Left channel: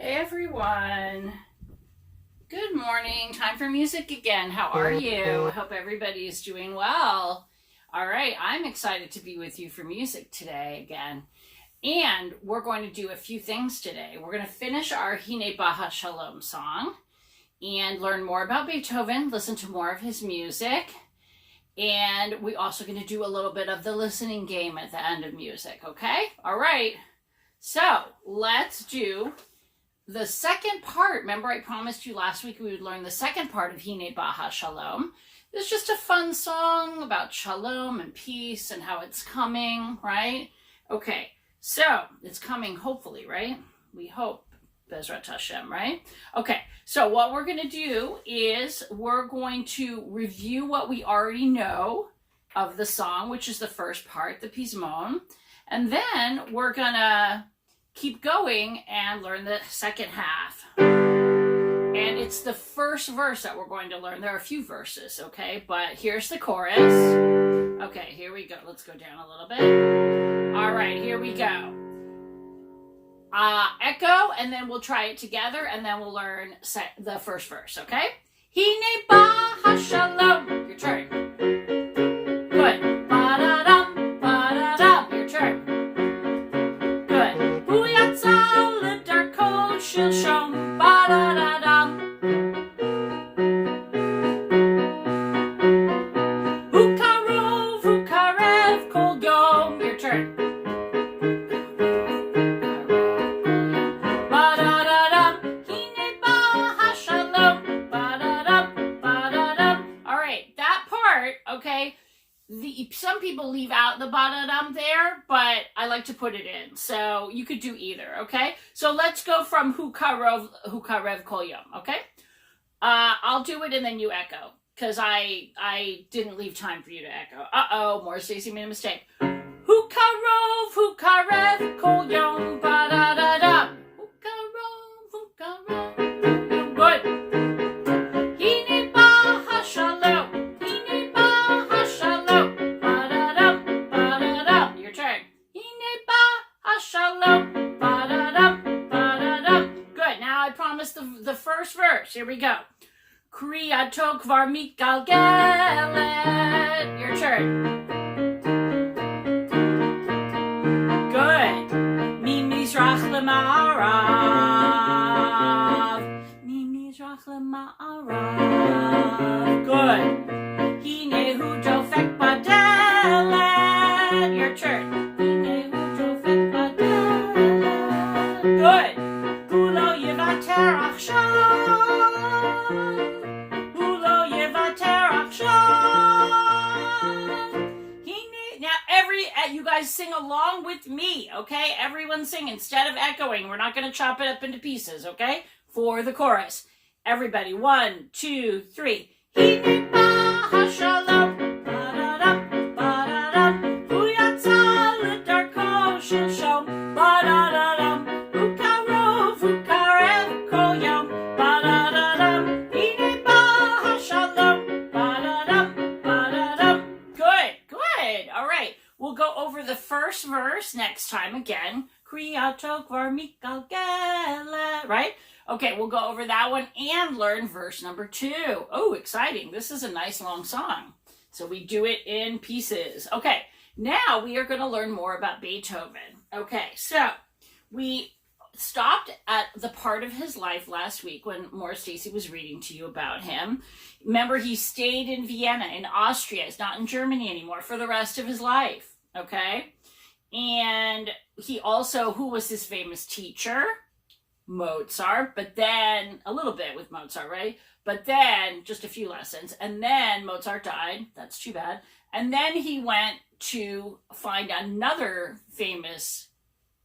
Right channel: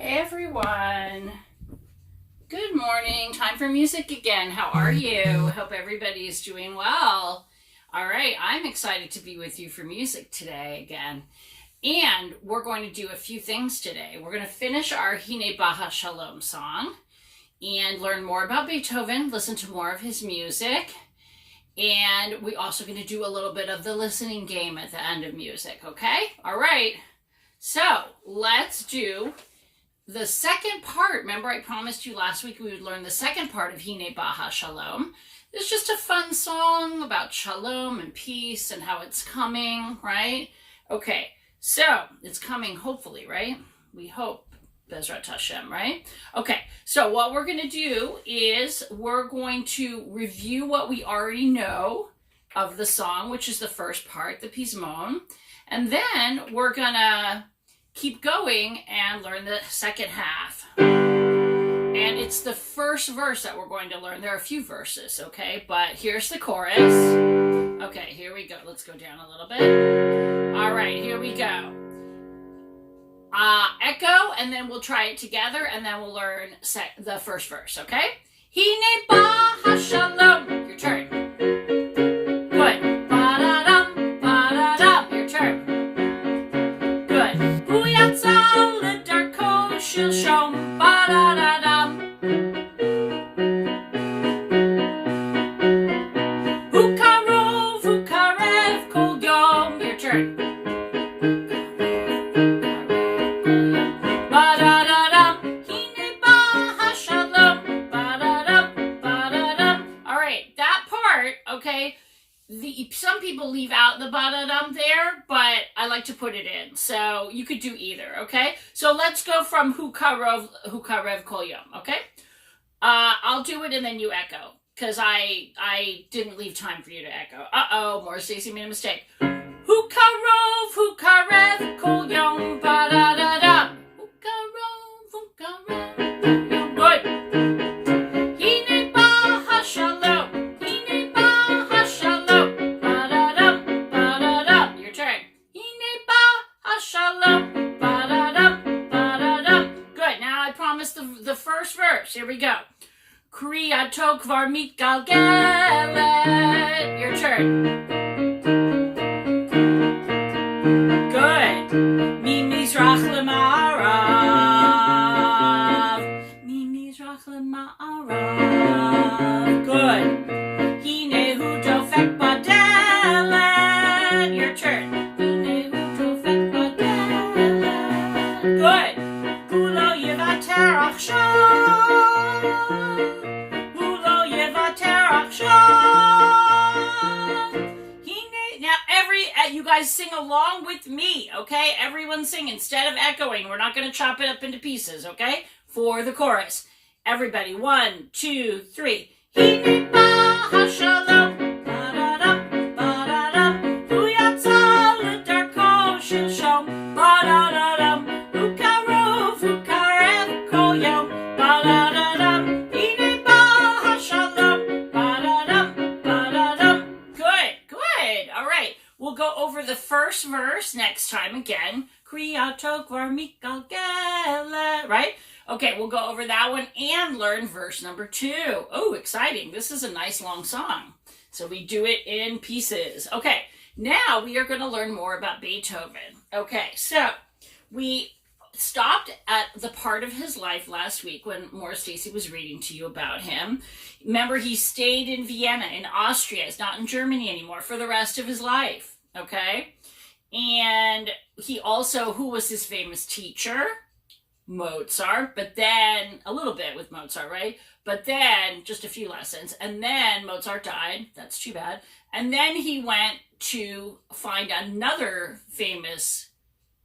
Hey everyone. Good morning. Time for music again. How are you? I hope everybody is doing well. All right, I'm excited to be with you for music today again. And we're going to do a few things today. We're going to finish our Hine Baha Shalom song and learn more about Beethoven, listen to more of his music. And we're also going to do a little bit of the listening game at the end of music, okay? All right. So let's do the second part. Remember, I promised you last week we would learn the second part of Hine Baha Shalom. It's just a fun song about shalom and peace and how it's coming, right? Okay, so it's coming hopefully, right? We hope, Bezrat Hashem, right? Okay, so what we're going to do is we're going to review what we already know of the song, which is the first part, the Pismon, and then we're going to keep going and learn the second half. And it's the first verse that we're going to learn. There are a few verses, okay? But here's the chorus. Okay, here we go. Let's go down a little bit. All right, here we go. Echo, and then we'll try it together, and then we'll learn the first verse, okay? Hine Baha Shalom. Your turn. Good. Ba-da-dum, ba-da-dum. Your turn. Hu yatzal ledarko shalom, ba-da-da-dum. Hu karov, hu karev, kol yom. Your turn. Ba-da-da-dum, hine baha shalom, ba-da-dum, ba-da-dum. All right, that part, okay. Some people leave out the ba-da-dum there, but I like to put it in. So you could do either, okay? So let's go from hu karev kol yom, okay? I'll do it and then you echo, because I didn't leave time for you to echo. Uh-oh, Morah Stacey made a mistake. Hu karev kol yom, ba-da-da-dum. Hu karev kol yom. Good. The first verse. Here we go. Kriyato kvar mitgalgelet. Your turn. Good. Mimizrach lema'arav. Mimizrach lema'arav. Good. Hinehu dofek badelet. Your turn. Hinehu dofek badelet. Good. Hulo yevater achshav. You guys sing along with me, okay? Everyone sing instead of echoing. We're not going to chop it up into pieces, okay? For the chorus. Everybody, 1, 2, 3. Hine Baha Shalom, ba-da-dum, ba-da-dum. Hu yatzal ledarko shalom, ba-da-da-dum. Hu karov, hu karev kol yom, ba-da-da-dum. Hine Baha Shalom, ba-da-dum, ba-da-dum. Good, good. All right. We'll go over the first verse next time again. Kriyato kvar mitgalgelet, right? Okay, we'll go over that one and learn verse number 2. Oh, exciting. This is a nice long song. So we do it in pieces. Okay, now we are going to learn more about Beethoven. Okay, so we stopped at the part of his life last week when Morah Stacey was reading to you about him. Remember, he stayed in Vienna, in Austria. He's not in Germany anymore for the rest of his life. Okay, and he also, who was his famous teacher? Mozart, but then, a little bit with Mozart, right? But then, just a few lessons, and then Mozart died. That's too bad. And then he went to find another famous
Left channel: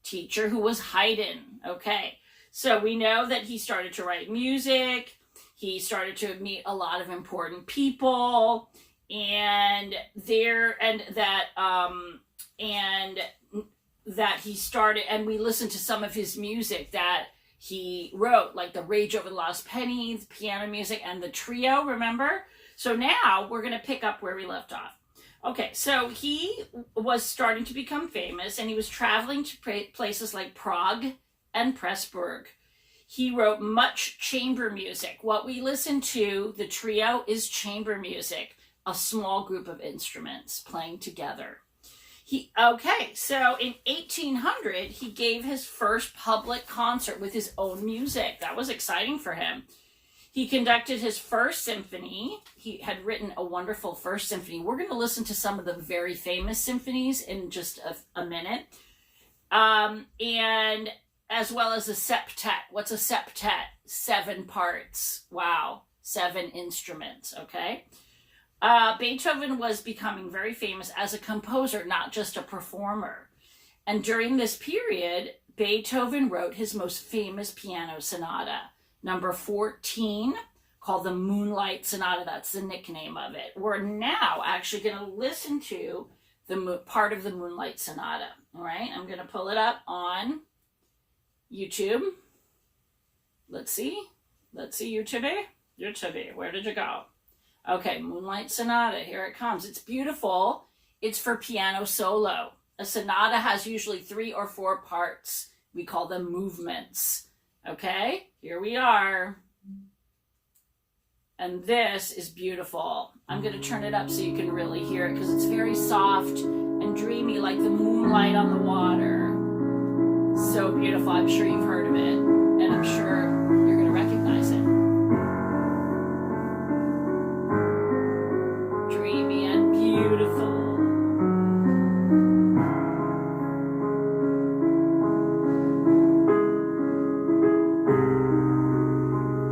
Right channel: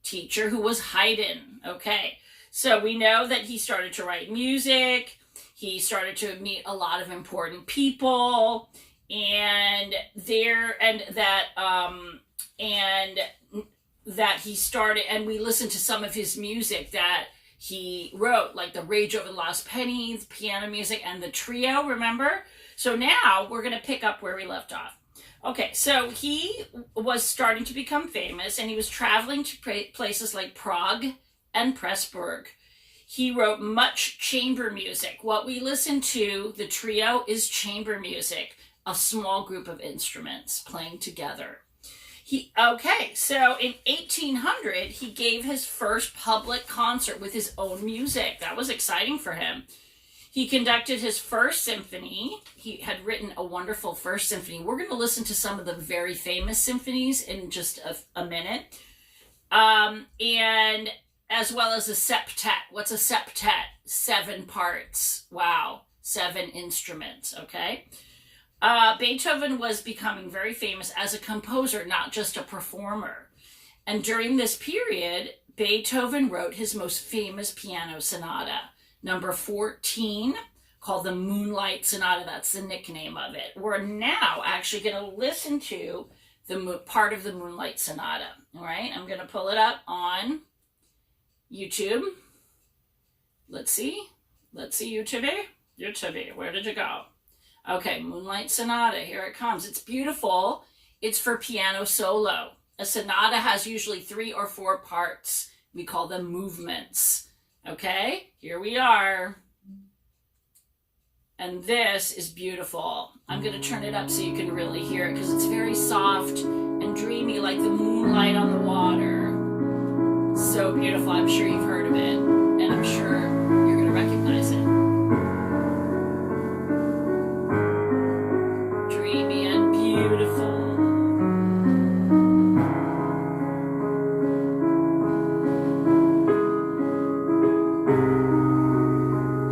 teacher who was Haydn, okay? So we know that he started to write music, he started to meet a lot of important people, and that he started, and we listened to some of his music that he wrote, like the Rage Over the Lost Penny, the piano music, and the trio, remember? So now we're going to pick up where we left off. Okay, so he was starting to become famous, and he was traveling to places like Prague and Pressburg. He wrote much chamber music. What we listen to, the trio, is chamber music, a small group of instruments playing together. So in 1800, he gave his first public concert with his own music. That was exciting for him. He conducted his first symphony. He had written a wonderful first symphony. We're going to listen to some of the very famous symphonies in just a minute. And as well as a septet. What's a septet? 7 parts. Wow. 7 instruments, okay? Beethoven was becoming very famous as a composer, not just a performer. And during this period, Beethoven wrote his most famous piano sonata, number 14, called the Moonlight Sonata. That's the nickname of it. We're now actually going to listen to the part of the Moonlight Sonata. All right, I'm going to pull it up on YouTube. Let's see YouTube. YouTube, where did you go? Okay, Moonlight Sonata, here it comes. It's beautiful. It's for piano solo. A sonata has usually 3 or 4 parts. We call them movements. Okay, here we are. And this is beautiful. I'm going to turn it up so you can really hear it because it's very soft and dreamy, like the moonlight on the water. So beautiful. I'm sure you've heard of it, and I'm sure you're going to recognize it. Dreamy and beautiful.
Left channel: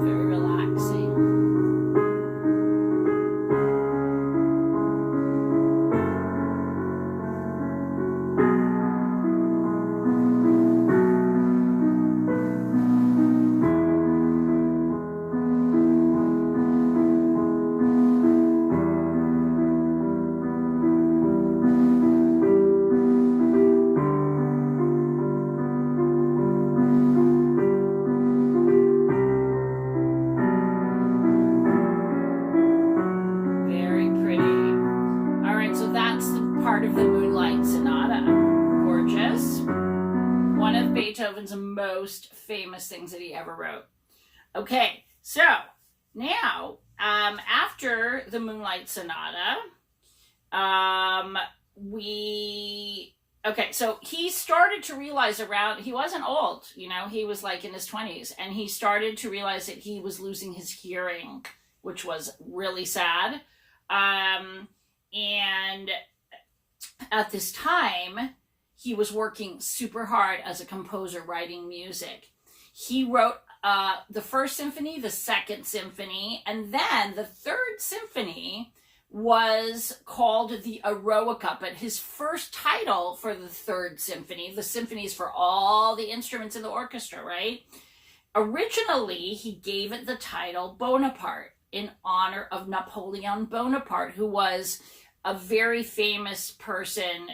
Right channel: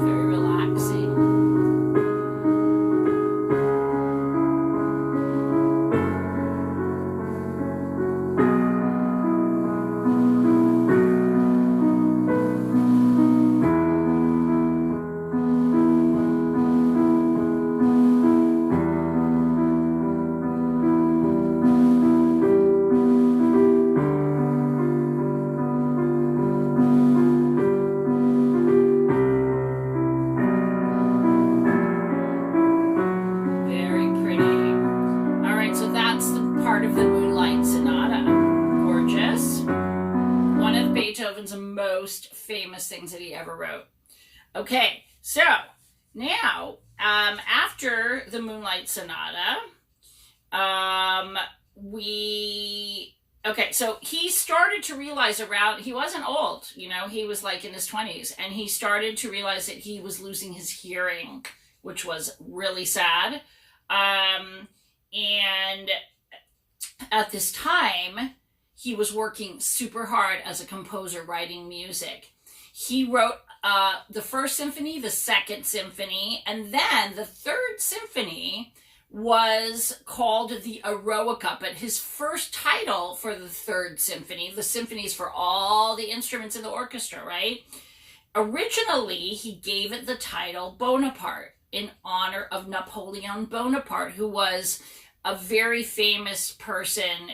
Very relaxing. Beethoven's most famous things that he ever wrote. Okay, so now after the Moonlight Sonata, so he started to realize he wasn't old, he was like in his 20s, and he started to realize that he was losing his hearing, which was really sad. And at this time, he was working super hard as a composer, writing music. He wrote the first symphony, the second symphony, and then the third symphony was called the Eroica. But his first title for the third symphony, the symphonies for all the instruments in the orchestra, right? Originally, he gave it the title Bonaparte in honor of Napoleon Bonaparte, who was a very famous person,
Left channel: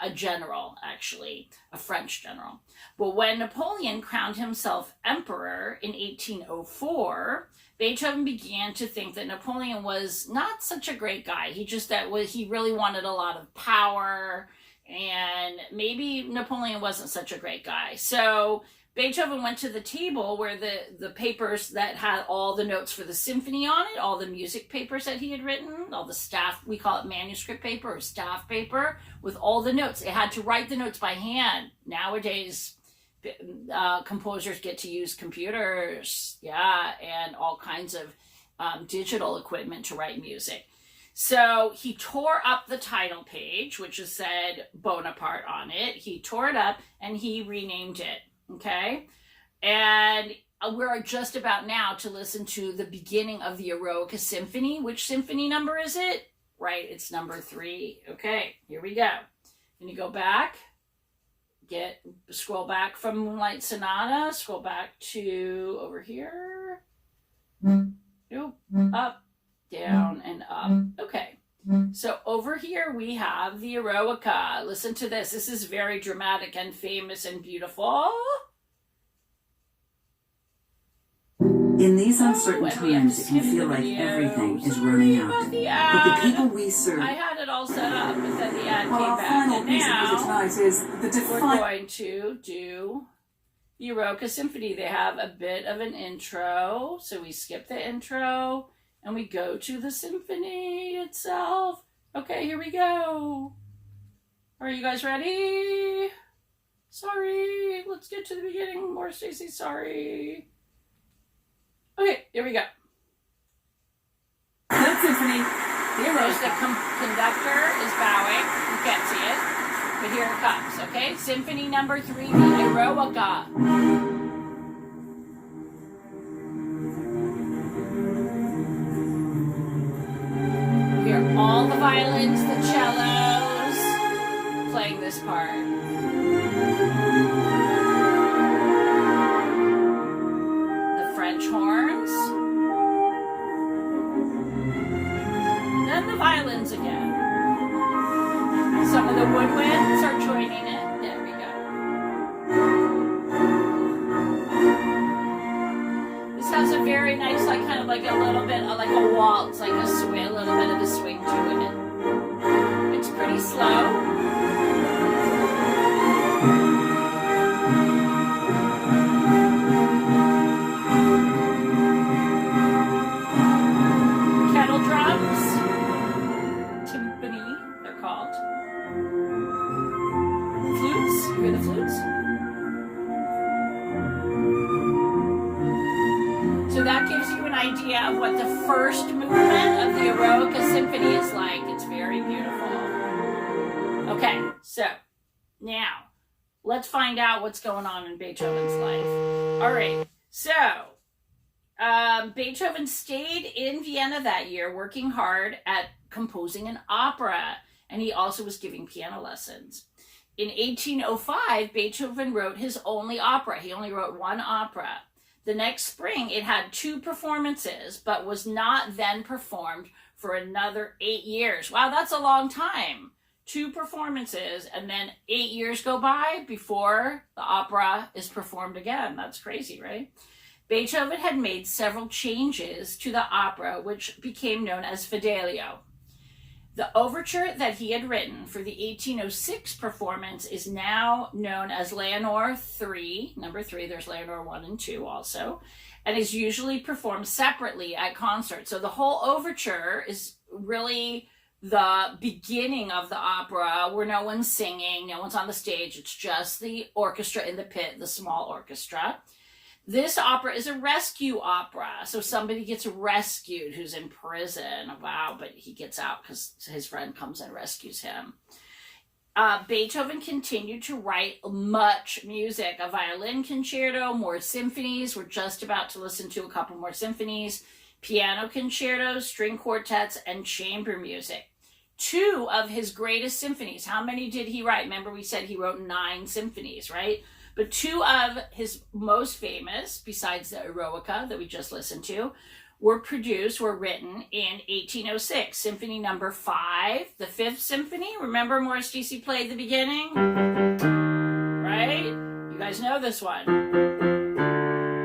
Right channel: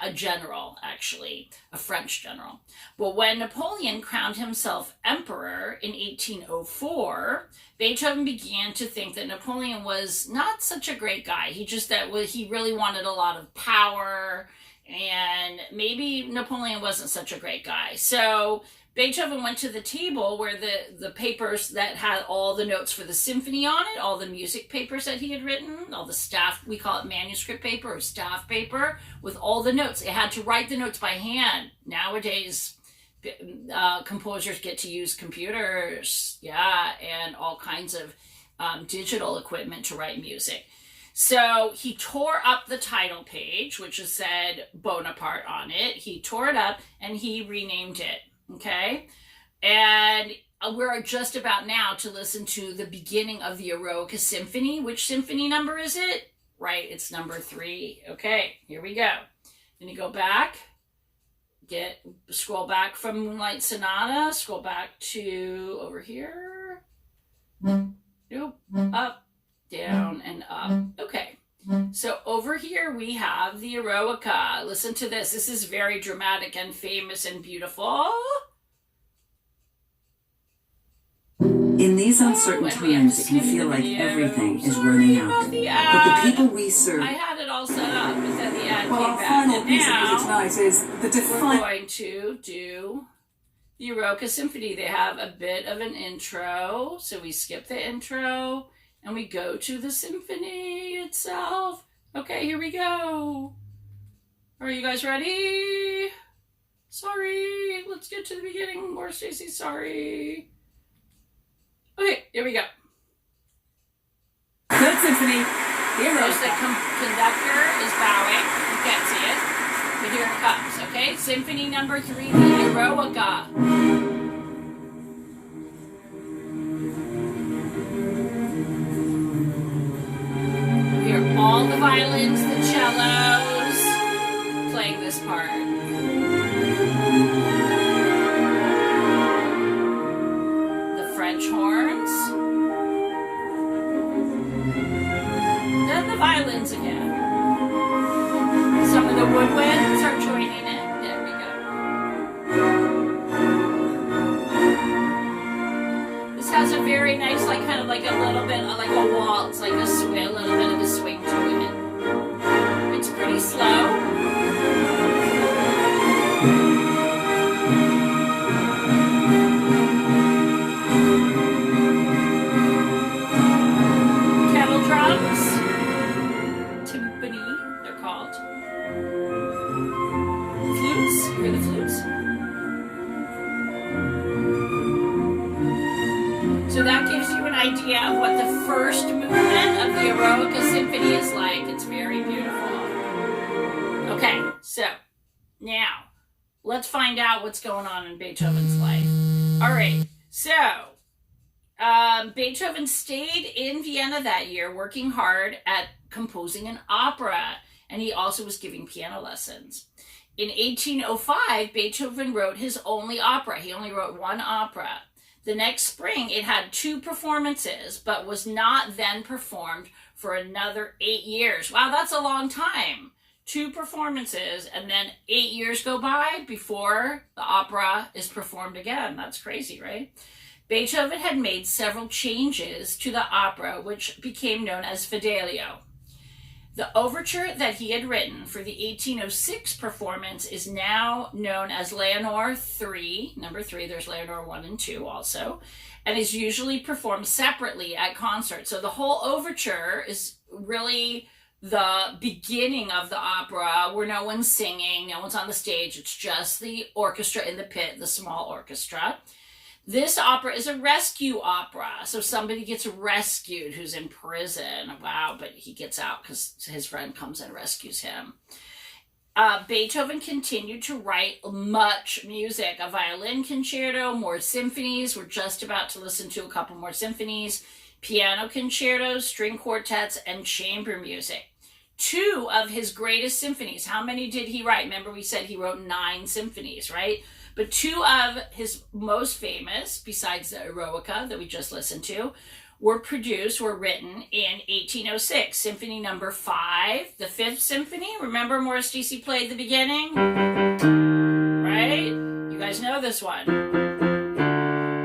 a general, actually, a French general. But when Napoleon crowned himself emperor in 1804, Beethoven began to think that Napoleon was not such a great guy. He really wanted a lot of power, and maybe Napoleon wasn't such a great guy. So Beethoven went to the table where the papers that had all the notes for the symphony on it, all the music papers that he had written, all the staff, we call it manuscript paper or staff paper, with all the notes. It had to write the notes by hand. Nowadays, composers get to use computers, and all kinds of digital equipment to write music. So he tore up the title page, which said Bonaparte on it. He tore it up and he renamed it. Okay, and we're just about now to listen to the beginning of the Eroica Symphony. Which symphony number is it? Right, it's number 3. Okay, here we go. Then you go back, scroll back from Moonlight Sonata, scroll back to over here. Nope, up, down, and up. Okay. So over here we have the Eroica. Listen to this. This is very dramatic and famous and beautiful. In these uncertain times, it can feel like everything is running out. But the people we serve... I had it all set up, but then the ad came our back. final And piece of music now tonight is the we're going to do the Eroica Symphony. They have a bit of an intro, so we skip the intro and we go to the symphony itself. Okay, here we go. Are you guys ready? Sorry, let's get to the beginning. Morah Stacey, sorry. Okay, here we go. Good symphony. Here's the conductor is bowing. You can't see it, but here it comes, okay? Symphony number 3, the Eroica. We hear all the violins, the cellos playing this part. The French horns. Then the violins again. Some of the woodwinds are joining in. There we go. This has a very nice, like kind of like a little bit of like a waltz, like a swing, a little bit of a swing to it. It's pretty slow. Kettle drums, timpani, they're called. Flutes, you hear the flutes? So that gives you an idea of what the first movement of the Eroica Symphony is like. It's very beautiful. Okay, so now let's find out what's going on in Beethoven's life. All right, so Beethoven stayed in Vienna that year working hard at composing an opera, and he also was giving piano lessons. In 1805, Beethoven wrote his only opera. He only wrote one opera. The next spring, it had 2 performances, but was not then performed for another 8 years. Wow, that's a long time. 2 performances, and then 8 years go by before the opera is performed again. That's crazy, right? Beethoven had made several changes to the opera, which became known as Fidelio. The overture that he had written for the 1806 performance is now known as Leonore 3, number 3, there's Leonore 1 and 2 also, and is usually performed separately at concerts. So the whole overture is really the beginning of the opera where no one's singing, no one's on the stage, it's just the orchestra in the pit, the small orchestra. This opera is a rescue opera. So somebody gets rescued who's in prison. Wow, but he gets out because his friend comes and rescues him. Beethoven continued to write much music. A violin concerto, more symphonies. We're just about to listen to a couple more symphonies. Piano concertos, string quartets, and chamber music. 2 of his greatest symphonies. How many did he write? Remember we said he wrote 9 symphonies, right? But 2 of his most famous, besides the Eroica that we just listened to, were written in 1806. Symphony number 5, the 5th symphony. Remember Morah Stacey played the beginning? Right? You guys know this one.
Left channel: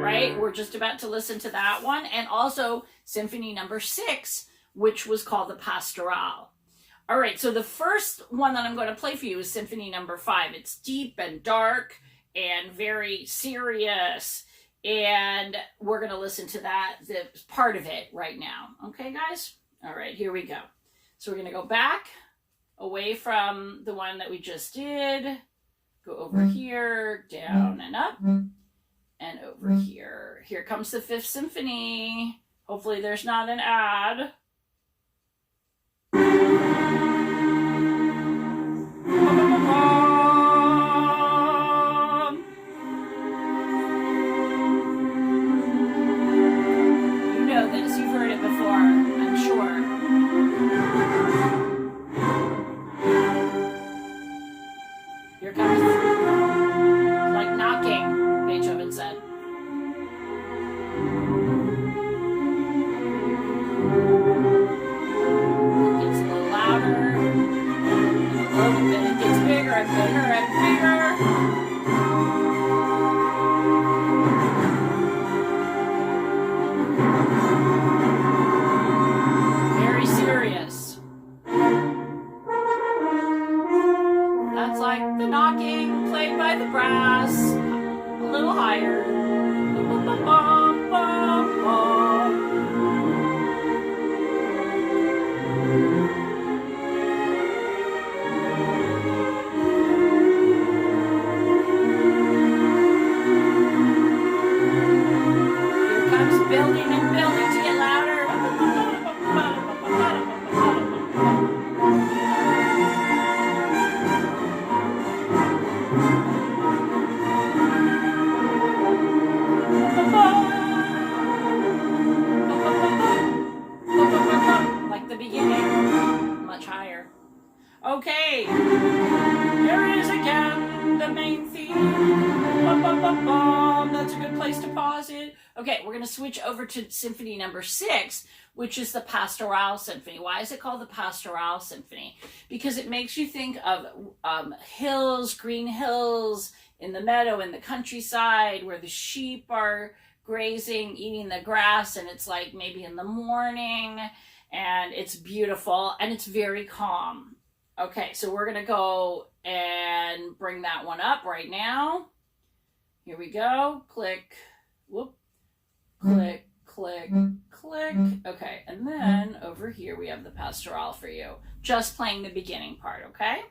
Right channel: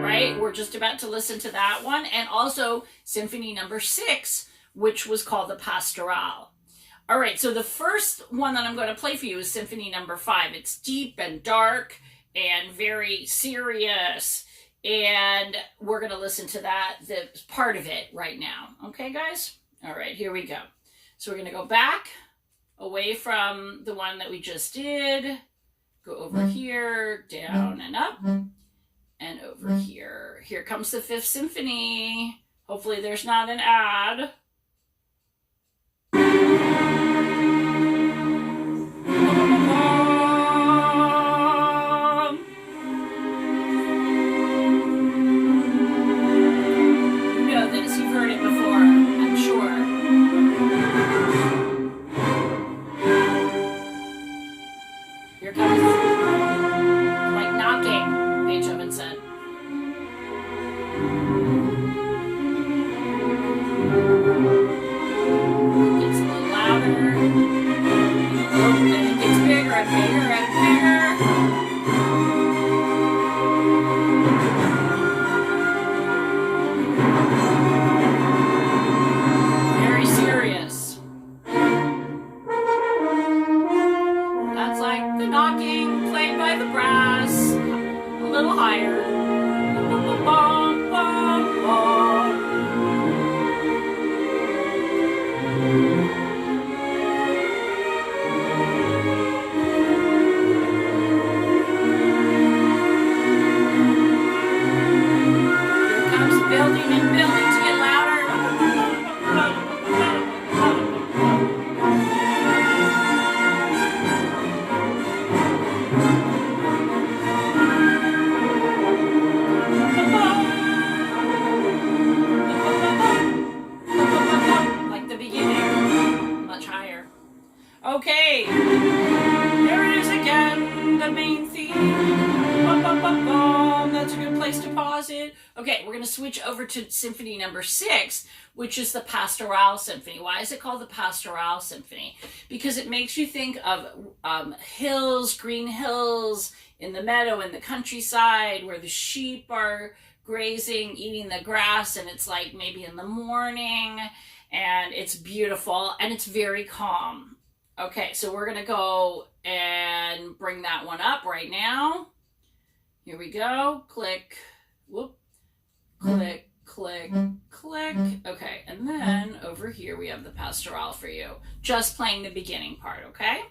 Right? We're just about to listen to that one. And also symphony number 6, which was called the Pastoral. All right, so the first one that I'm going to play for you is symphony number 5. It's deep and dark and very serious, and we're going to listen to that, the part of it right now. Okay, guys? All right, here we go. So we're going to go back away from the one that we just did, go over here, down and up, and over here. Here comes the 5th symphony. Hopefully there's not an ad. Here comes, like knocking, Beethoven said. Okay, we're going to switch over to Symphony number 6, which is the Pastoral Symphony. Why is it called the Pastoral Symphony? Because it makes you think of hills, green hills in the meadow, in the countryside, where the sheep are grazing, eating the grass, and it's like maybe in the morning, and it's beautiful, and it's very calm. Okay, so we're going to go and bring that one up right now. Here we go. Click. Whoop. Click, click, click. Okay, and then over here we have the Pastoral for you. Just playing the beginning part, okay?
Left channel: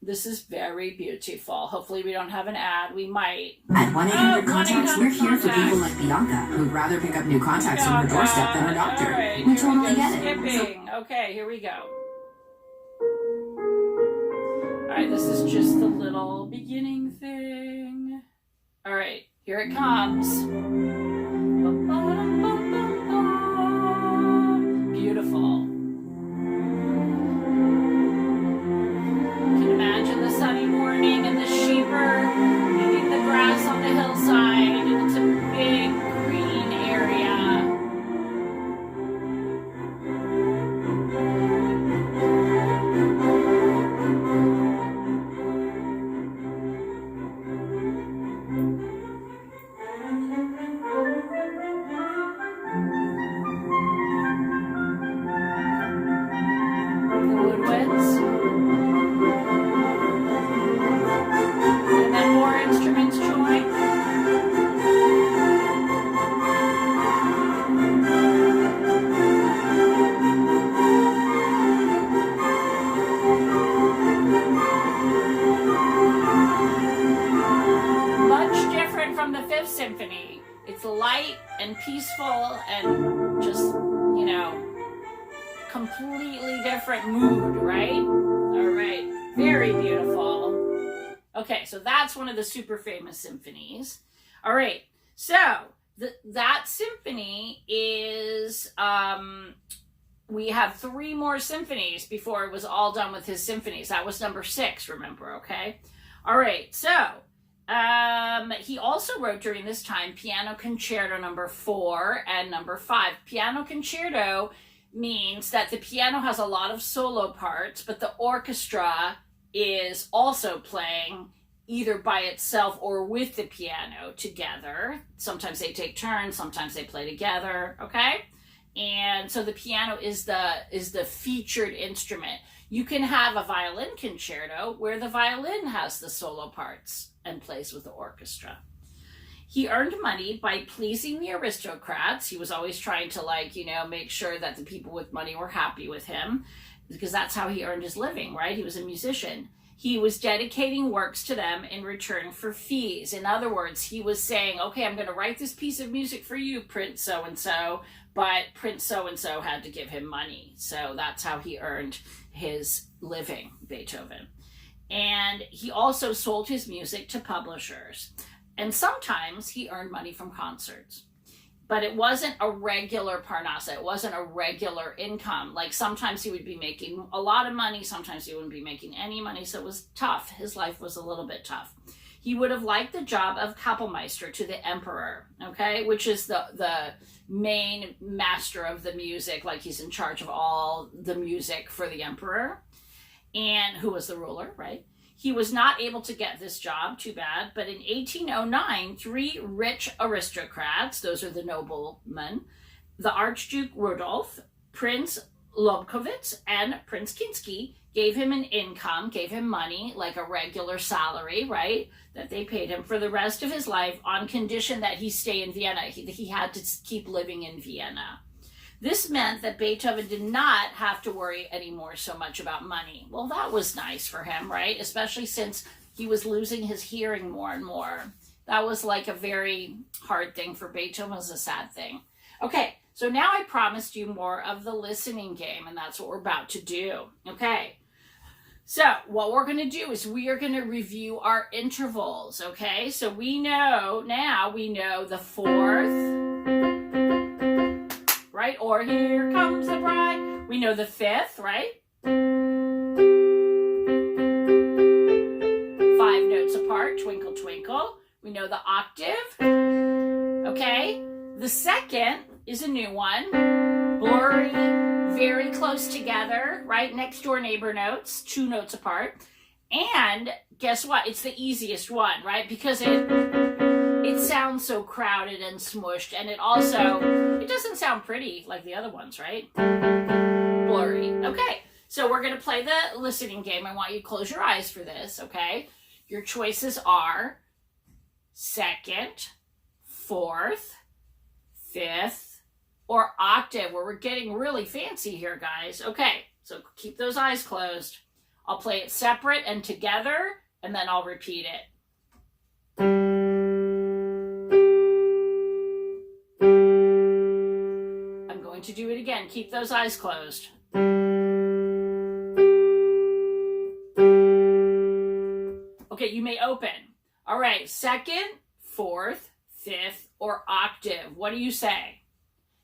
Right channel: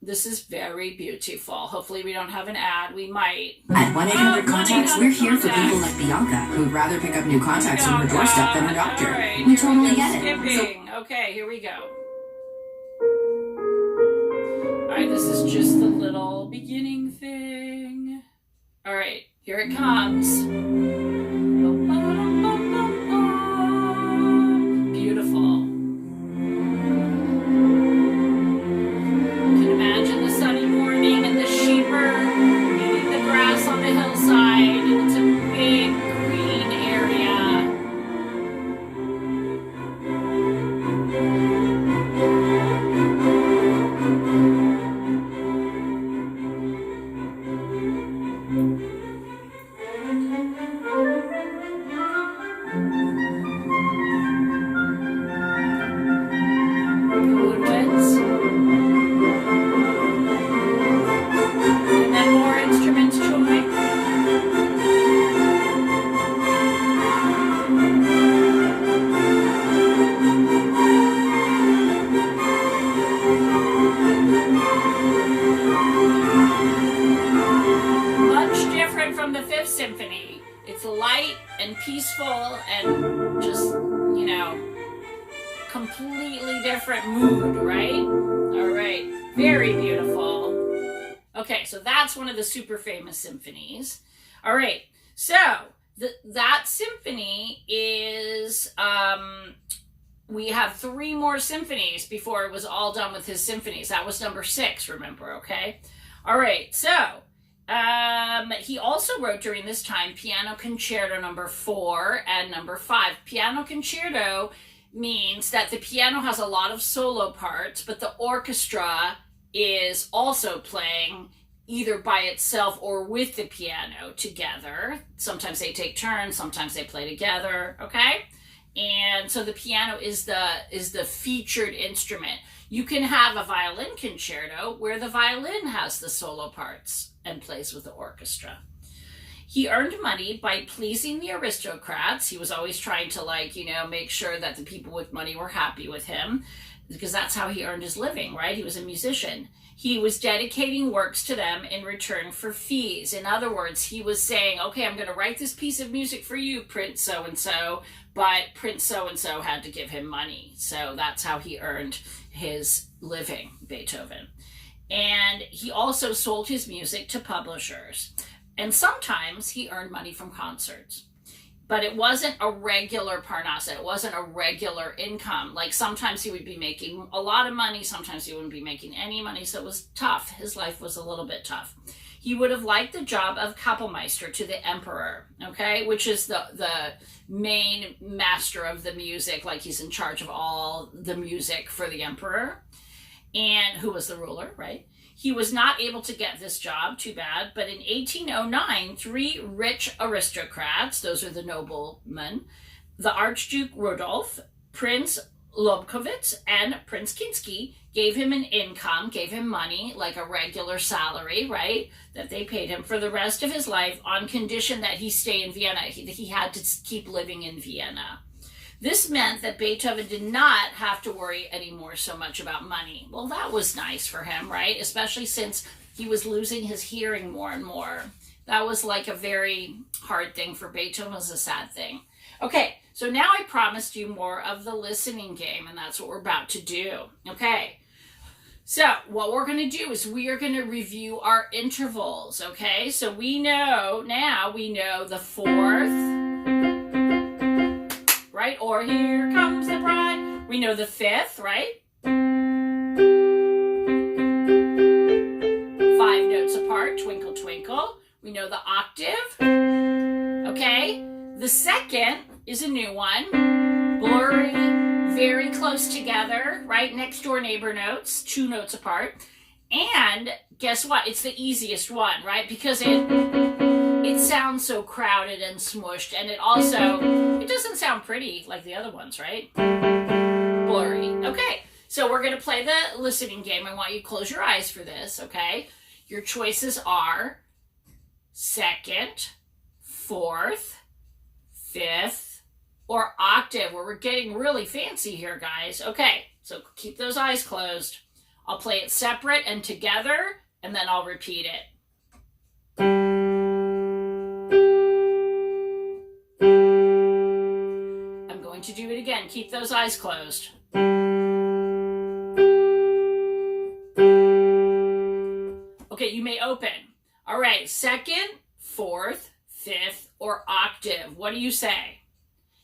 This is very beautiful. Hopefully we don't have an ad. We might. At 1-800-CONTACTS, we're here for people like Bianca, who'd rather pick up new contacts on her doorstep than her doctor. Right, we totally get it. Skipping. Okay, here we go. All right, this is just the little beginning thing. All right, here it comes. Beautiful. You can imagine the sunny morning and the sheep are eating the grass on the hillside, and it's a big green area. Symphony. It's light and peaceful and just, you know, completely different mood, right? All right. Very beautiful. Okay, so that's one of the super famous symphonies. All right. So that symphony is, we have 3 more symphonies before it was all done with his symphonies. That was number 6, remember, okay? All right, so he also wrote during this time Piano Concerto number 4 and number 5. Piano Concerto means that the piano has a lot of solo parts, but the orchestra is also playing either by itself or with the piano together. Sometimes they take turns, sometimes they play together, okay? And so the piano is the featured instrument. You can have a violin concerto where the violin has the solo parts and plays with the orchestra. He earned money by pleasing the aristocrats. He was always trying to, like, you know, make sure that the people with money were happy with him, because that's how he earned his living, right? He was a musician. He was dedicating works to them in return for fees. In other words, he was saying, okay, I'm going to write this piece of music for you, Prince so-and-so, but Prince so-and-so had to give him money. So that's how he earned his living, Beethoven. And he also sold his music to publishers. And sometimes he earned money from concerts. But it wasn't a regular parnasa. It wasn't a regular income. Like sometimes he would be making a lot of money. Sometimes he wouldn't be making any money. So it was tough. His life was a little bit tough. He would have liked the job of Kapellmeister to the emperor, okay, which is the main master of the music. Like he's in charge of all the music for the emperor, and who was the ruler, right? He was not able to get this job, too bad, but in 1809, 3 rich aristocrats, those are the noblemen, the Archduke Rudolf, Prince Lobkowitz, and Prince Kinsky, gave him an income, gave him money, like a regular salary, right, that they paid him for the rest of his life on condition that he stay in Vienna. He had to keep living in Vienna. This meant that Beethoven did not have to worry anymore so much about money. Well, that was nice for him, right? Especially since he was losing his hearing more and more. That was like a very hard thing for Beethoven. It was a sad thing. Okay, so now I promised you more of the listening game, and that's what we're about to do. Okay, so what we're going to do is we are going to review our intervals, okay? So we know the 4th, right? Or Here Comes the Bride. We know the 5th, right? 5 notes apart, Twinkle Twinkle. We know the octave. Okay. The second is a new one. Blurry, very close together, right? Next door neighbor notes, 2 notes apart. And guess what? It's the easiest one, right? Because it sounds so crowded and smushed, and it doesn't sound pretty like the other ones, right? Blurry. Okay, so we're going to play the listening game. I want you to close your eyes for this, okay? Your choices are second, fourth, fifth, or octave, where we're getting really fancy here, guys. Okay, so keep those eyes closed. I'll play it separate and together, and then I'll repeat it. I'm going to do it again. Keep those eyes closed. Okay, you may open. All right, second, fourth, fifth, or octave. What do you say?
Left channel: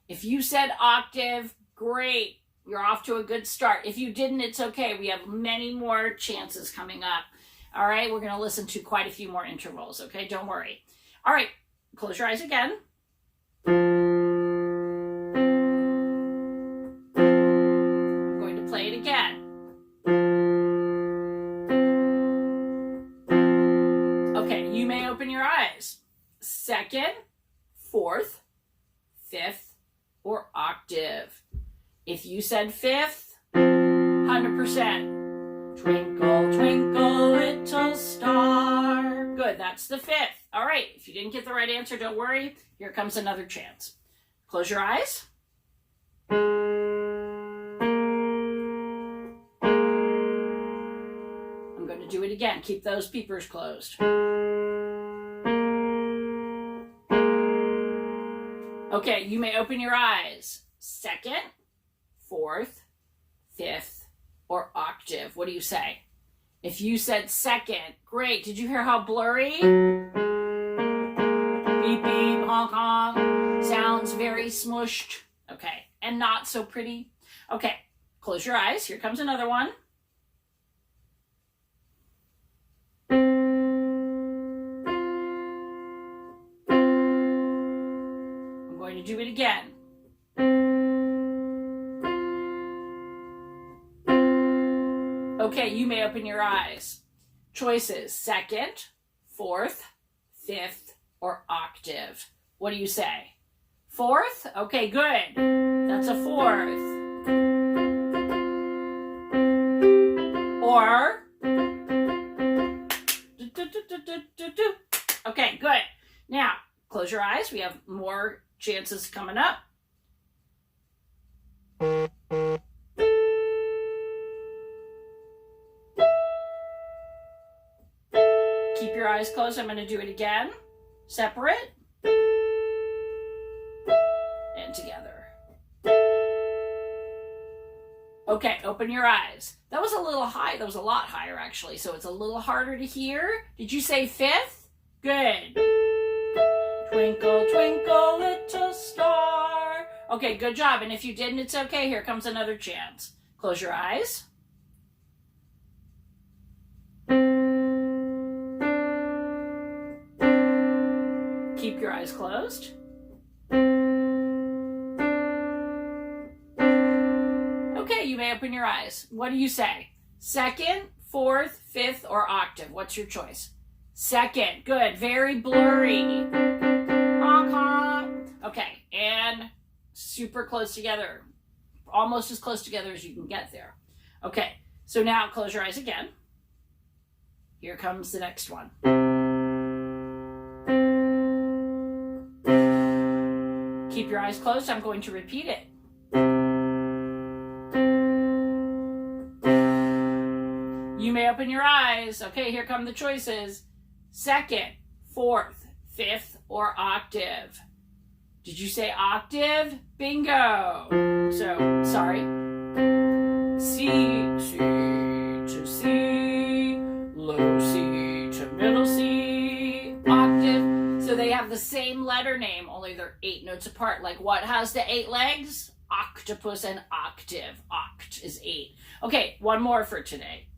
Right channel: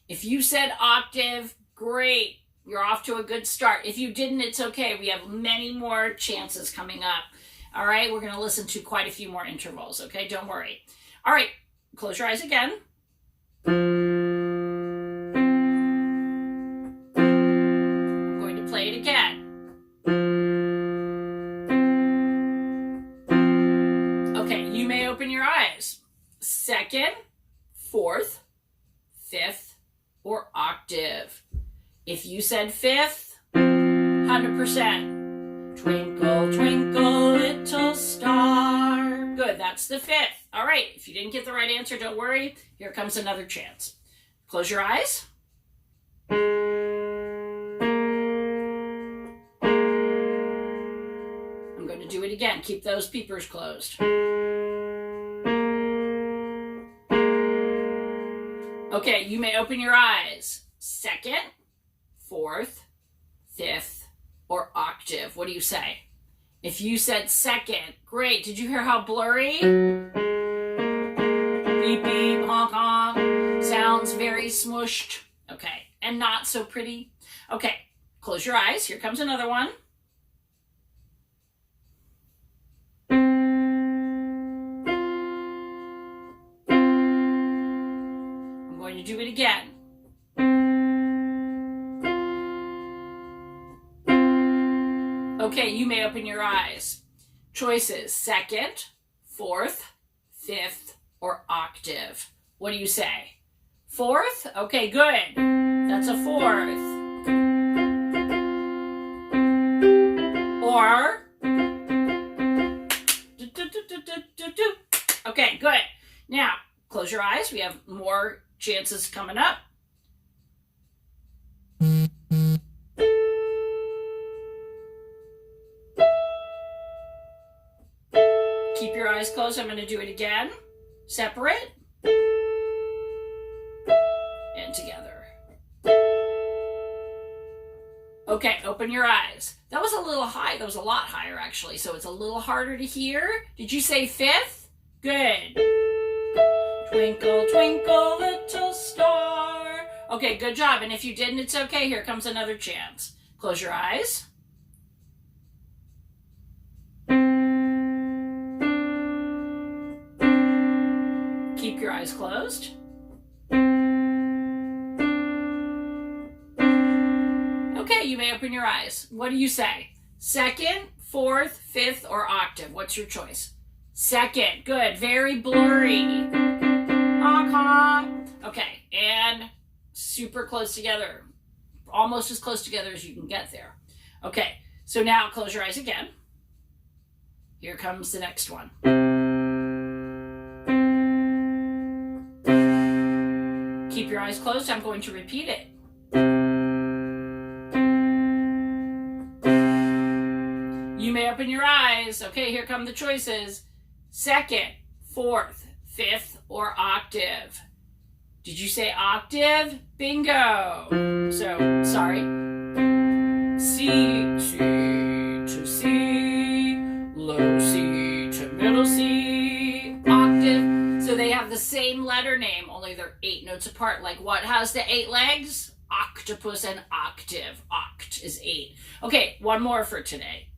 If you said octave, great. You're off to a good start. If you didn't, it's okay. We have many more chances coming up. All right, we're going to listen to quite a few more intervals, okay? Don't worry. All right, close your eyes again. I'm going to play it again. Okay, you may open your eyes. Second, fourth, fifth, or octave. If you said fifth, 100%. Twinkle, twinkle, little star. Good, that's the fifth. All right, if you didn't get the right answer, don't worry. Here comes another chance. Close your eyes. I'm going to do it again. Keep those peepers closed. Okay, you may open your eyes. Second, fourth, fifth, or octave. What do you say? If you said second, great. Did you hear how blurry? Beep, beep, honk, honk. Sounds very smushed. Okay, and not so pretty. Okay, close your eyes. Here comes another one. I'm going to do it again. Okay, you may open your eyes. Choices, second, fourth, fifth, or octave. What do you say? Fourth? Okay, good. That's a fourth. Or, okay, good. Now, close your eyes. We have more chances coming up. Keep your eyes closed. I'm going to do it again. Separate. And together. Okay, open your eyes. That was a little high. That was a lot higher, actually. So it's a little harder to hear. Did you say fifth? Good. Twinkle, twinkle, little star. Okay, good job. And if you didn't, it's okay. Here comes another chance. Close your eyes. Keep your eyes closed. Okay, you may open your eyes. What do you say? Second, fourth, fifth, or octave? What's your choice? Second. Good. Very blurry. Honk, honk. Okay, and super close together. Almost as close together as you can get there. Okay, so now close your eyes again. Here comes the next one. Keep your eyes closed. I'm going to repeat it. You may open your eyes. Okay, here come the choices. Second, fourth, fifth, or octave. Did you say octave? Bingo. So, sorry. C, C to C, low C to middle C, octave. So they have the same letter name, only they're 8 notes apart. Like what has the 8 legs? Octopus and octave. Oct is 8. Okay, one more for today.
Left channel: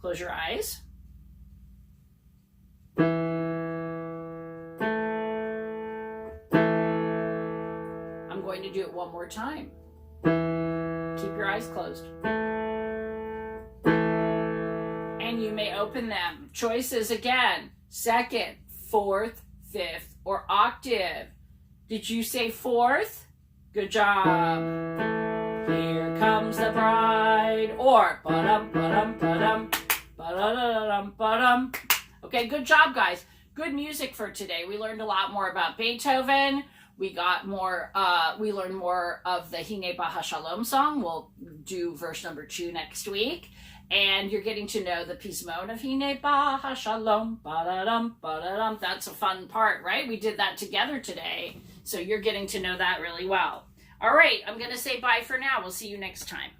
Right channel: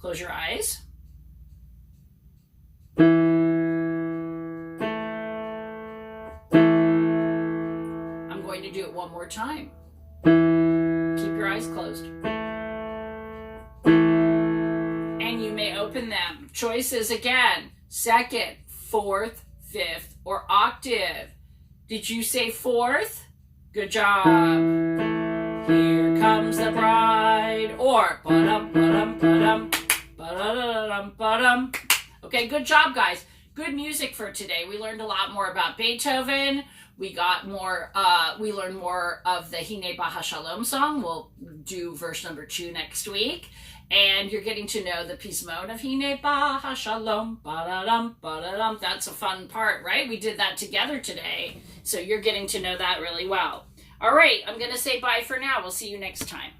Close your eyes. going to do it one more time. Keep your eyes closed. And you may open them. Choices again, second, fourth, fifth, or octave. Did you say fourth? Good job. Here comes the bride. Or ba-dum, ba-dum, ba-dum, ba-da-da-dum, ba-dum. Okay, good job, guys. Good music for today. We learned a lot more about Beethoven. We learned more of the Hine Bahashalom song. We'll do verse number 2 next week. And you're getting to know the Pismon of Hine Bahashalom. Ba-da-dum, ba-da-dum. That's a fun part, right? We did that together today. So you're getting to know that really well. All right, I'm going to say bye for now. We'll see you next time.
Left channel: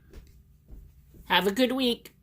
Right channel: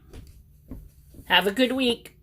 Have a good week.